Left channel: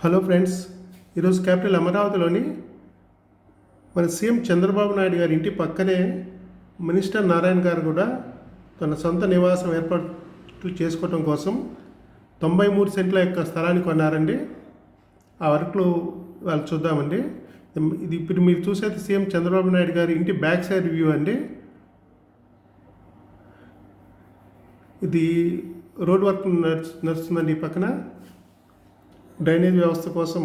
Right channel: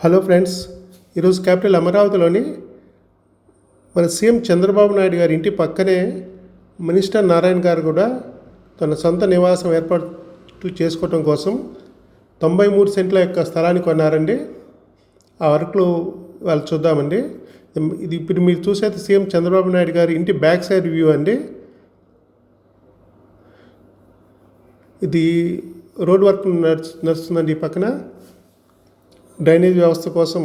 Hello friends ఈరోజు capital అమరావతిలోని మన సీఎం చంద్రబాబు నాయుడు గారి ఇంటి పక్కనే మినిస్టర్ నారాయణ గారు కూడా తన సొంత నివాసం ఏర్పాటు చేసుకోవటం కోసం తొంభై మూడు సెంట్ల యొక్క స్థలాన్ని కొన్నారండి. ఆ వర్క్లు వాళ్ళు చూద్దామండి. ఇది ఇప్పుడు మీరు చూసేది సీఎం చంద్రబాబు నాయుడు గారి ఇంటి బ్యాక్ సైడ్ వ్యూ అండి. ఇది రోడ్ వర్క్ నడుచు నడుస్తుందండి ఈ పక్కన. డ్రైనేజ్ వ్యవస్థ కోసం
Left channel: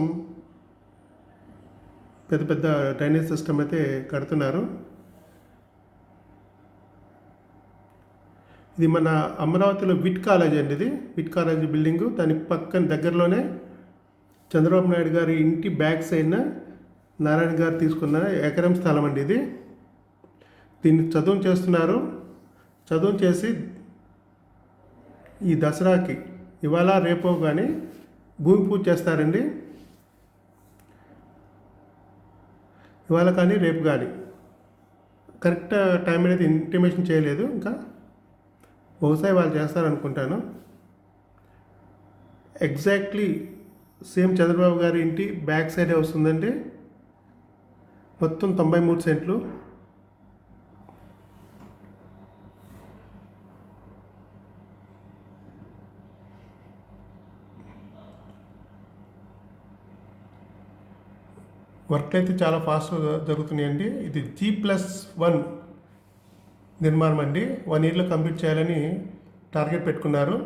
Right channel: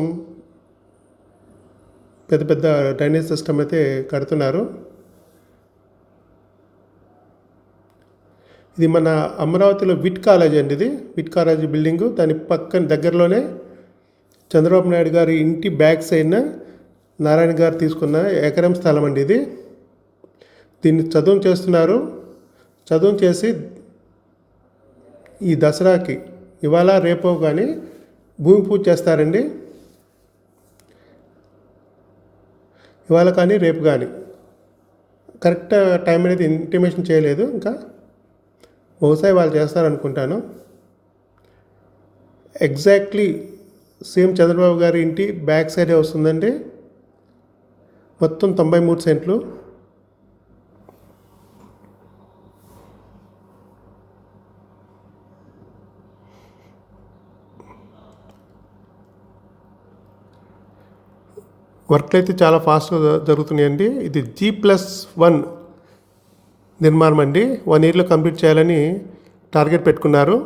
పెద్ద పెద్ద డ్రైనేజ్ సిస్టమ్ అయితే కడుతున్నారు. ఇది మన అమరావతిలో విట్ కాలేజ్ అండి ఇది. VIT college building. దాని పక్కన దగ్గరలోనే చంద్రబాబు నాయుడు గారి ఇంటి బ్యాక్ సైడ్న నారాయణ గారు తీసుకున్న ఎకరం స్థలం అండి ఇది. దీన్ని చదువు చేస్తున్నారు. చదువు చేసి ఈ దసరాకి ఇవాళ రేపో కానీ భూమి పూజ చేస్తారండి. ఇవాళ కానీ రేపు కానీ. కరెక్ట్ టైం అనేది ఇంటిమేషన్ చేయలేదు ఇంకా. బహుశా వాళ్ళు చేస్తారనుకుంటాను. ఎగ్జాక్ట్లీ సీఎం చంద్రబాబు గారి ఇంటి బ్యాక్ సైడే వస్తుందండి. మొత్తం తొంభై మూడు సెంట్లు. వర్క్ అయితే చాలా ఫాస్ట్గా జరుగుతున్నాయండి. ఇది జీ ప్లస్ వన్ నిర్మాణం అండి. వన్ ఇయర్లో కంప్లీట్ చేయాలని టార్గెట్ పెట్టుకున్నారు.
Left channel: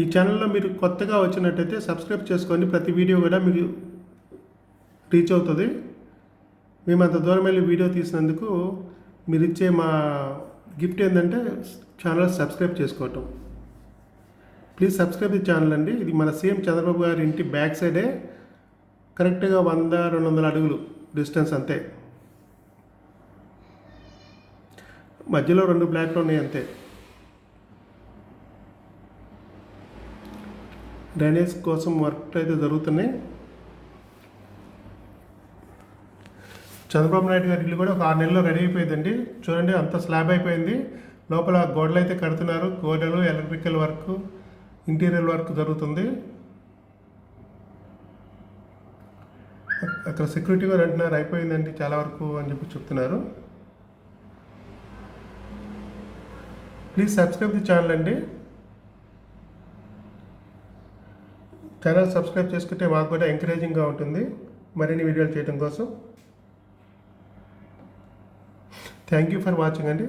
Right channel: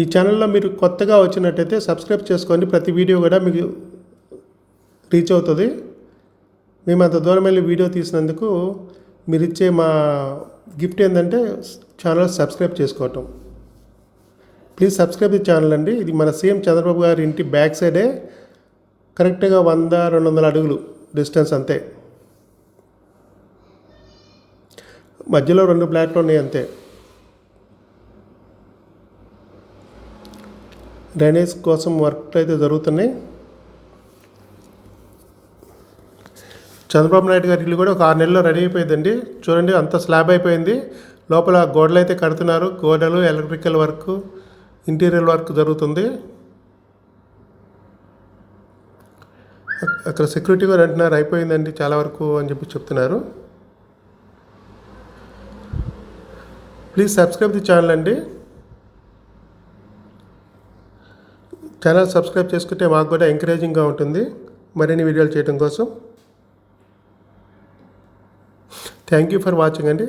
ఈ ఛానల్లో మీరు కొత్తగా వచ్చినట్టయితే సబ్స్క్రైబ్ చేసుకోండి. ప్రతి వీడియో కూడా మీకు రీచ్ అవుతుంది. మేము అంత దూరం వెళ్ళి వీడియో తీసినందుకు మీరు ఇచ్చే మా గిఫ్ట్ ఏంటంటే ఛానల్ సబ్స్క్రైబ్ చేసుకోవటం. ప్లీజ్ సబ్స్క్రైబ్ ది ఛానల్ అండి. ఇది మన సీఎం చంద్రబాబు గారి ఇంటి బ్యాక్ సైడే. కరెక్ట్గా వంద రెండు వందల అడుగులు డిస్టెన్స్ అంతే. మధ్యలో రెండు ప్లాట్లు ఉన్నాయి అంతే. డ్రైనేజ్ కోసం వర్క్ అయితే జరుగుతున్నాయి. చంద్రబాబు నాయుడు గారి ఇల్లు కూడా ఒక ఆరు నెలల్లో రెడీ అయిపోయిందండి. చూడండి అంత స్లాబ్ అయిపోయింది. లోపల గోడలు అయితే కడుతున్నారు. గోడలు ఎలక్ట్రికల్ వర్క్ ఇంటీరియర్ వర్క్ జరుగుతుంది. అక్కడ సెక్యూరిటీ గారు అంటున్నారు అయిపోయిందండి చాలా వరకు అని చెప్పి చెప్తున్నారు. ప్లీజ్ సబ్స్క్రైబ్ ది ఛానల్ అండి. ఛానల్ సబ్స్క్రైబ్ చేసుకుంటే మాకు కూడా ఎంకరేజింగ్గా ఉంటుంది. మరిన్ని వీడియోలు చేయడం కోసం. థ్యాంక్ యూ ఫర్ వాచింగ్ అండి.